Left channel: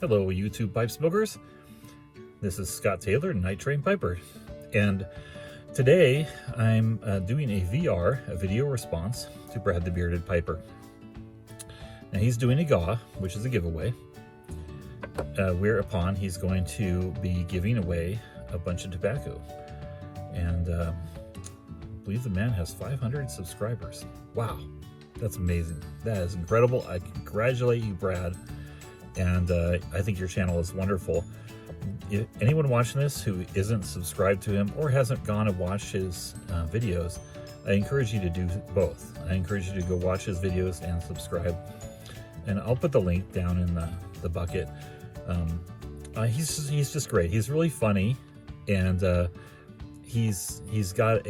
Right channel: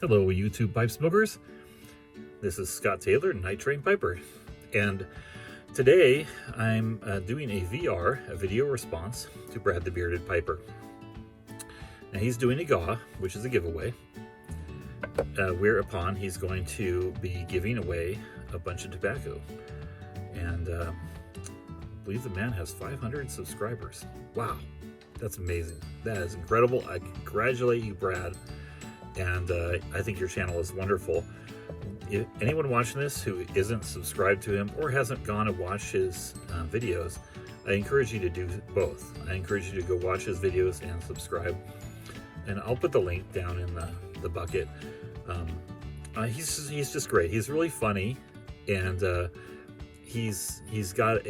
Hello, YouTube pipe smokers. This is Scott Taylor, Night Train Piper, and today I'm doing a video response to Brad the Bearded Piper. Now he's doing a GAW, which is a giveaway, whereupon he's going to be giving away a bunch of tobacco. And I believe the man has 500 subscribers. Wow, that's amazing. That is incredible. I congratulate you, Brad. And I think your channel is wonderful. If anyone watching this who isn't subscribed to him or hasn't gone to watch his videos, I encourage you to do both. I encourage you to go watch his videos and subscribe. And I'll put the link down in the bucket. He's just great. He's really funny, and he's got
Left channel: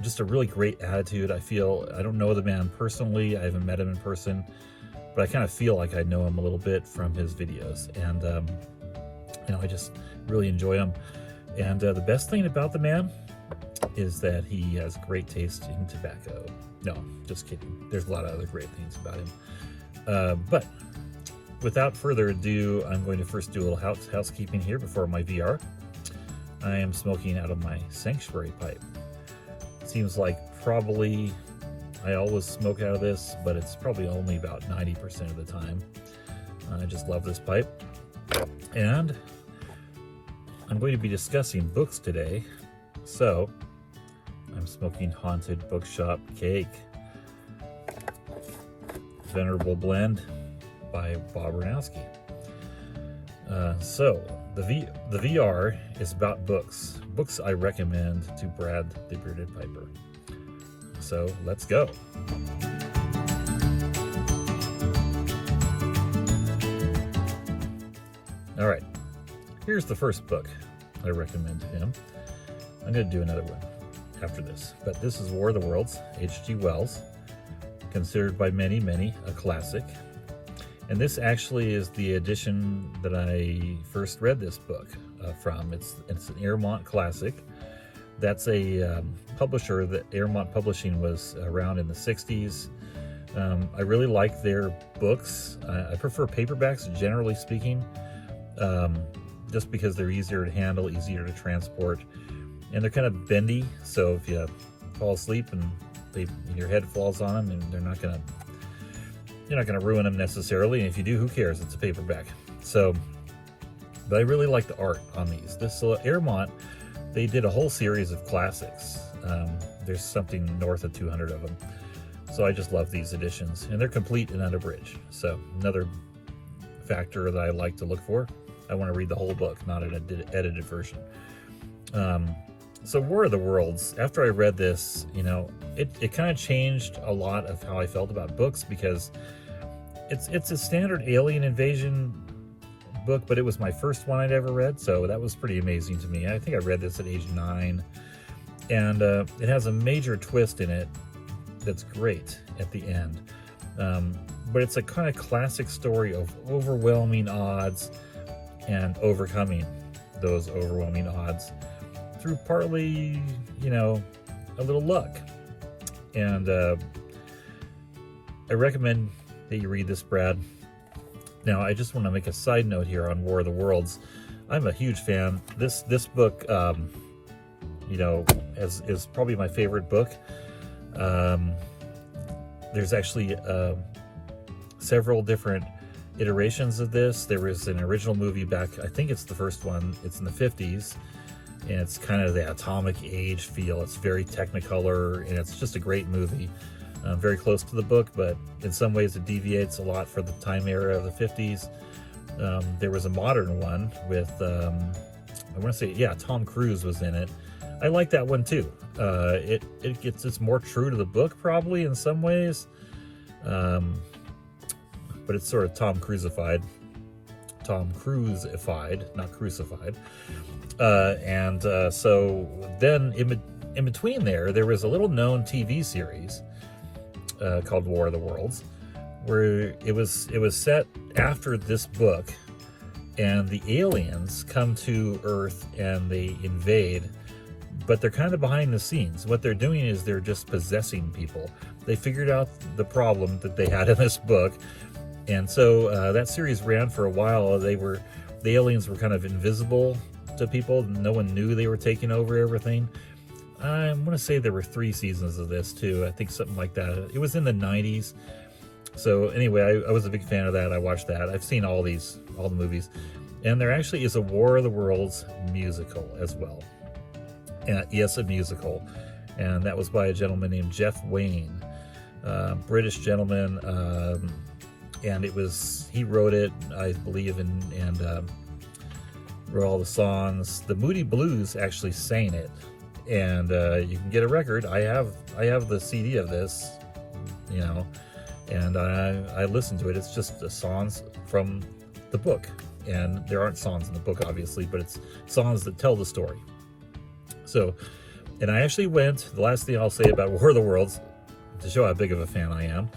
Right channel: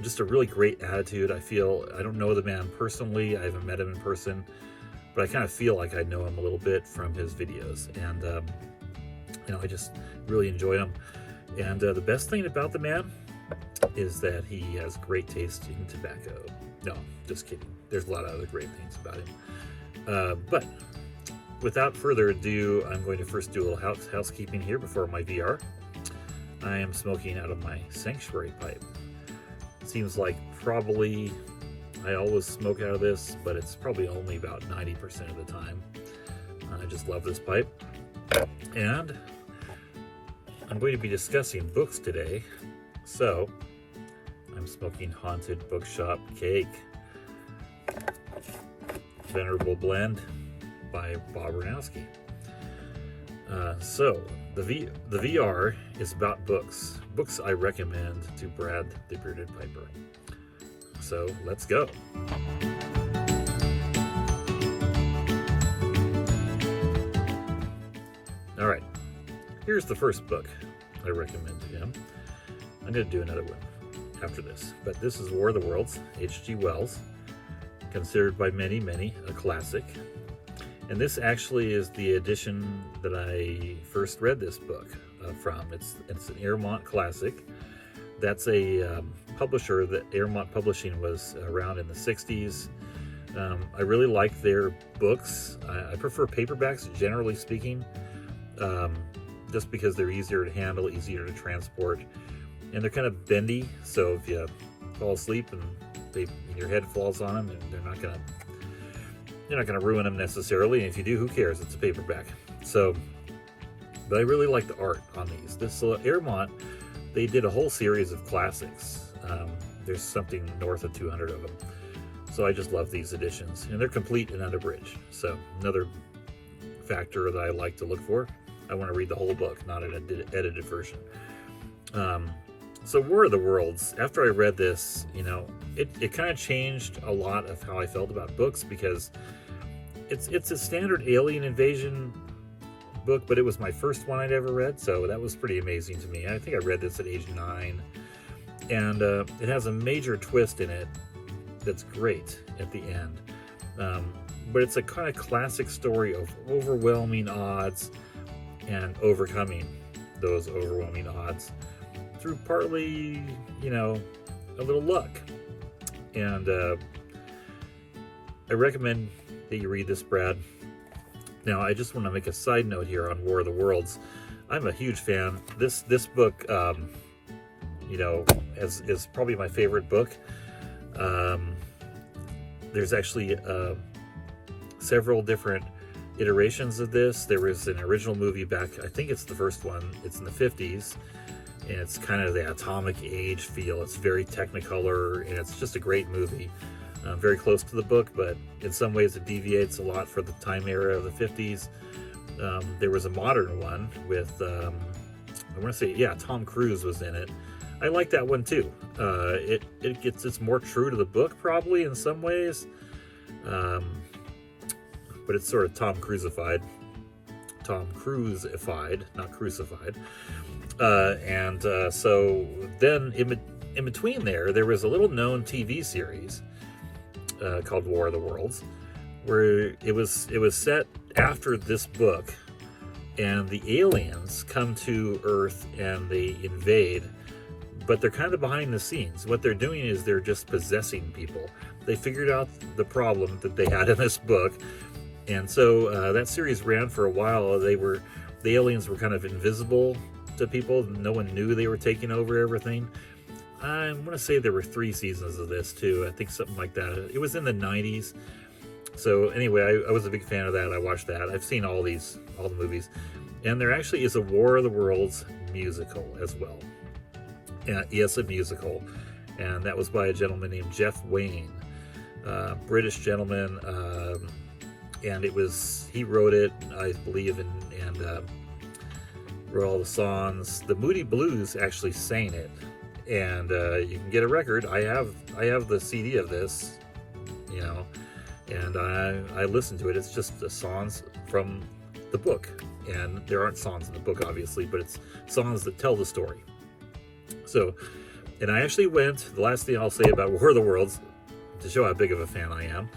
just a really great attitude. I don't know the man personally. I haven't met him in person, but I kind of feel like I know him a little bit from his videos, and I just really enjoy him. And the best thing about the man is that he has great taste in tobacco. No, just kidding. There's a lot of other great things about him. But without further ado, I'm going to first do a little housekeeping here before my VR. I am smoking out of my Sanctuary pipe. Seems like probably I always smoke out of this, but it's probably only about 90% of the time. I just love this pipe. And I'm going to be discussing books today. So I'm smoking Haunted Bookshop Cake. Venerable Blend by Bob Ranowski. So the VR is about books. Books I recommend to Brad the Bearded Piper. So let's go. All right, here's the first book I recommend to him. I'm going to do another one after this, but this is War of the Worlds, H.G. Wells, considered by many a classic. And this actually is the edition that I first read this book from. It's an Airmont classic. That's a publisher that Airmont Publishing was around in the 60s. I really like their books. I prefer paperbacks, generally speaking, just because they're easier to handle, easier to transport, and they're kind of bendy. So if you fall asleep and your head falls on them, and you're not gonna ruin them necessarily. And if you do, who cares? It's a paperback. So, but I really like the art on these. This Airmont, they did a whole series of classics. There's something north of 200 of them. So I just love these editions, and they're complete and unabridged. So another factor that I like to look for. I want to read the whole book, not an edited version. So War of the Worlds, after I read this, it kind of changed a lot of how I felt about books, because it's a standard alien invasion book, but it was my first one I'd ever read, so that was pretty amazing to me. I think I read this at age 9, and it has a major twist in it that's great at the end. But it's a kind of classic story of overwhelming odds and overcoming those overwhelming odds through partly, a little luck. And I recommend that you read this, Brad. Now, I just want to make a side note here on War of the Worlds. I'm a huge fan. This book, is probably my favorite book. There's actually several different iterations of this. There was an original movie back, I think it's the first one. It's in the 50s, and it's kind of the atomic age feel. It's very technicolor, and it's just a great movie. Very close to the book, but in some ways it deviates a lot for the time era of the 50s. There was a modern one with, I want to say, yeah, Tom Cruise was in it. I like that one too. It's more true to the book probably in some ways, but it's sort of Tom Cruisified, not crucified. So then in between there was a little known TV series called War of the Worlds, where it was set after this book, and the aliens come to Earth and they invade, but they're kind of behind the scenes. What they're doing is they're just possessing people. They figured out the problem that they had in this book, And so that series ran for a while. The aliens were kind of invisible to people. No one knew they were taking over everything. I want to say there were 3 seasons of this too. I think something like that. It was in the 90s. So anyway, I was a big fan of that. I watched that. I've seen all the movies. And there actually is a War of the Worlds musical as well. Yes, a musical. And that was by a gentleman named Jeff Wayne, British gentleman. And he wrote it, I believe, and wrote all the songs. The Moody Blues actually sang it. And you can get a record. I have the CD of this, you know, and I listened to it. It's just the songs from the book, and there aren't songs in the book, obviously, but it's songs that tell the story. So, and I actually went. The last thing I'll say about War of the Worlds, to show how big of a fan I am,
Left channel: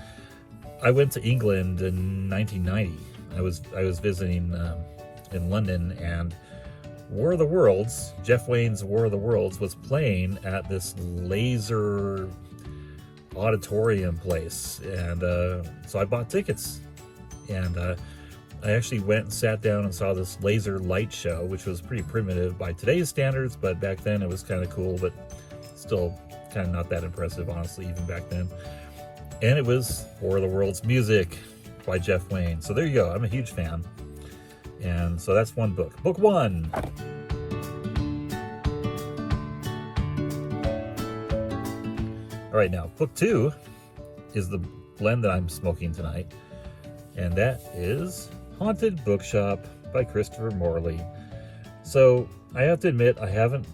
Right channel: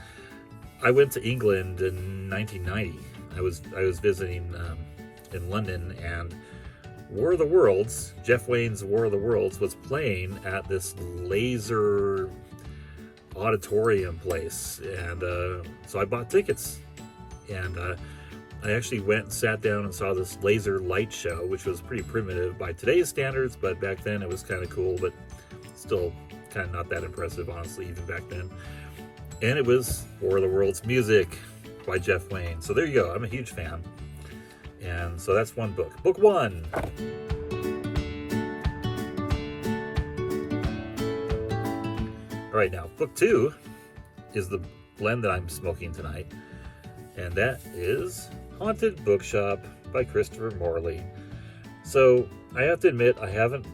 I went to England in 1990. I was visiting in London, and War of the Worlds, Jeff Wayne's War of the Worlds, was playing at this laser auditorium place, and so I bought tickets, and I actually went and sat down and saw this laser light show, which was pretty primitive by today's standards, but back then it was kind of cool, but still kind of not that impressive, honestly, even back then. And it was War of the Worlds music by Jeff Wayne. So there you go. I'm a huge fan. And so that's one book. Book 1. All right, now book 2 is the blend that I'm smoking tonight. And that is Haunted Bookshop by Christopher Morley. So I have to admit, I haven't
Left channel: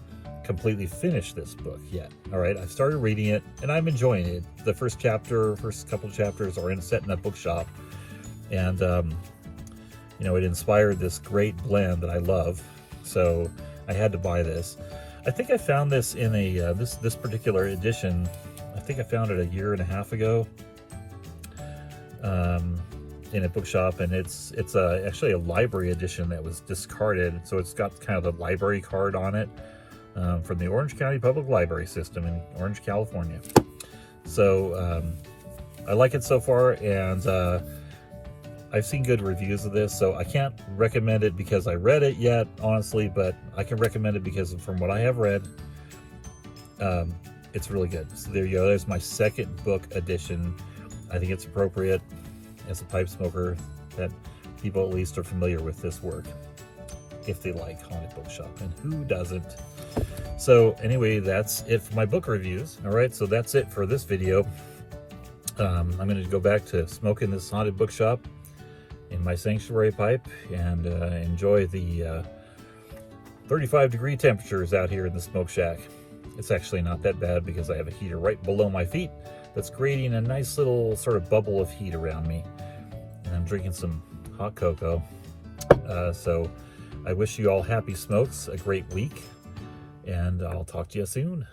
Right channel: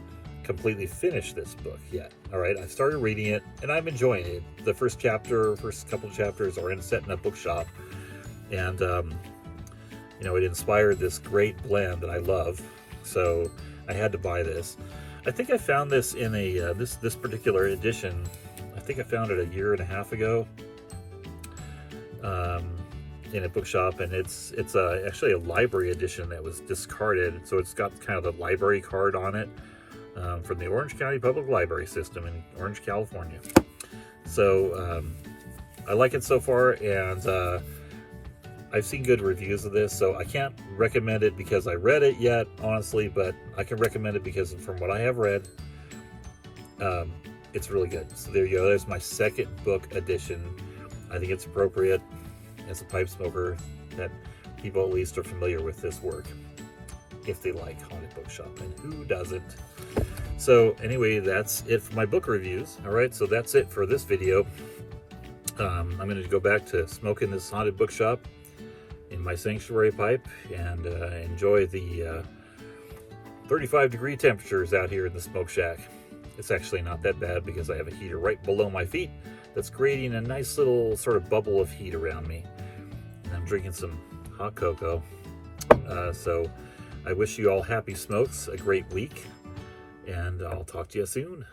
completely finished this book yet. All right, I've started reading it and I'm enjoying it. The first couple chapters are in Set in a Bookshop, and you know, it inspired this great blend that I love, so I had to buy this. I think I found this in a this particular edition. I think I found it a year and a half ago in a bookshop, and it's actually a library edition that was discarded. So it's got kind of the library card on it. From the Orange County Public Library System in Orange, California. So I like it so far, and I've seen good reviews of this, so I can't recommend it because I read it yet, honestly, but I can recommend it because from what I have read, it's really good. So there you go. There's my second book edition. I think it's appropriate as a pipe smoker that people at least are familiar with this work, if they like Haunted Bookshop, and who doesn't? So anyway, that's it for my book reviews. All right, so that's it for this video. I'm going to go back to smoking this Haunted Bookshop in my sanctuary pipe and enjoy the 35-degree temperatures out here in the smoke shack. It's actually not that bad because I have a heater right below my feet that's creating a nice little sort of bubble of heat around me. And I'm drinking some hot cocoa. So I wish you all happy smokes, a great week, and I'll talk to you soon.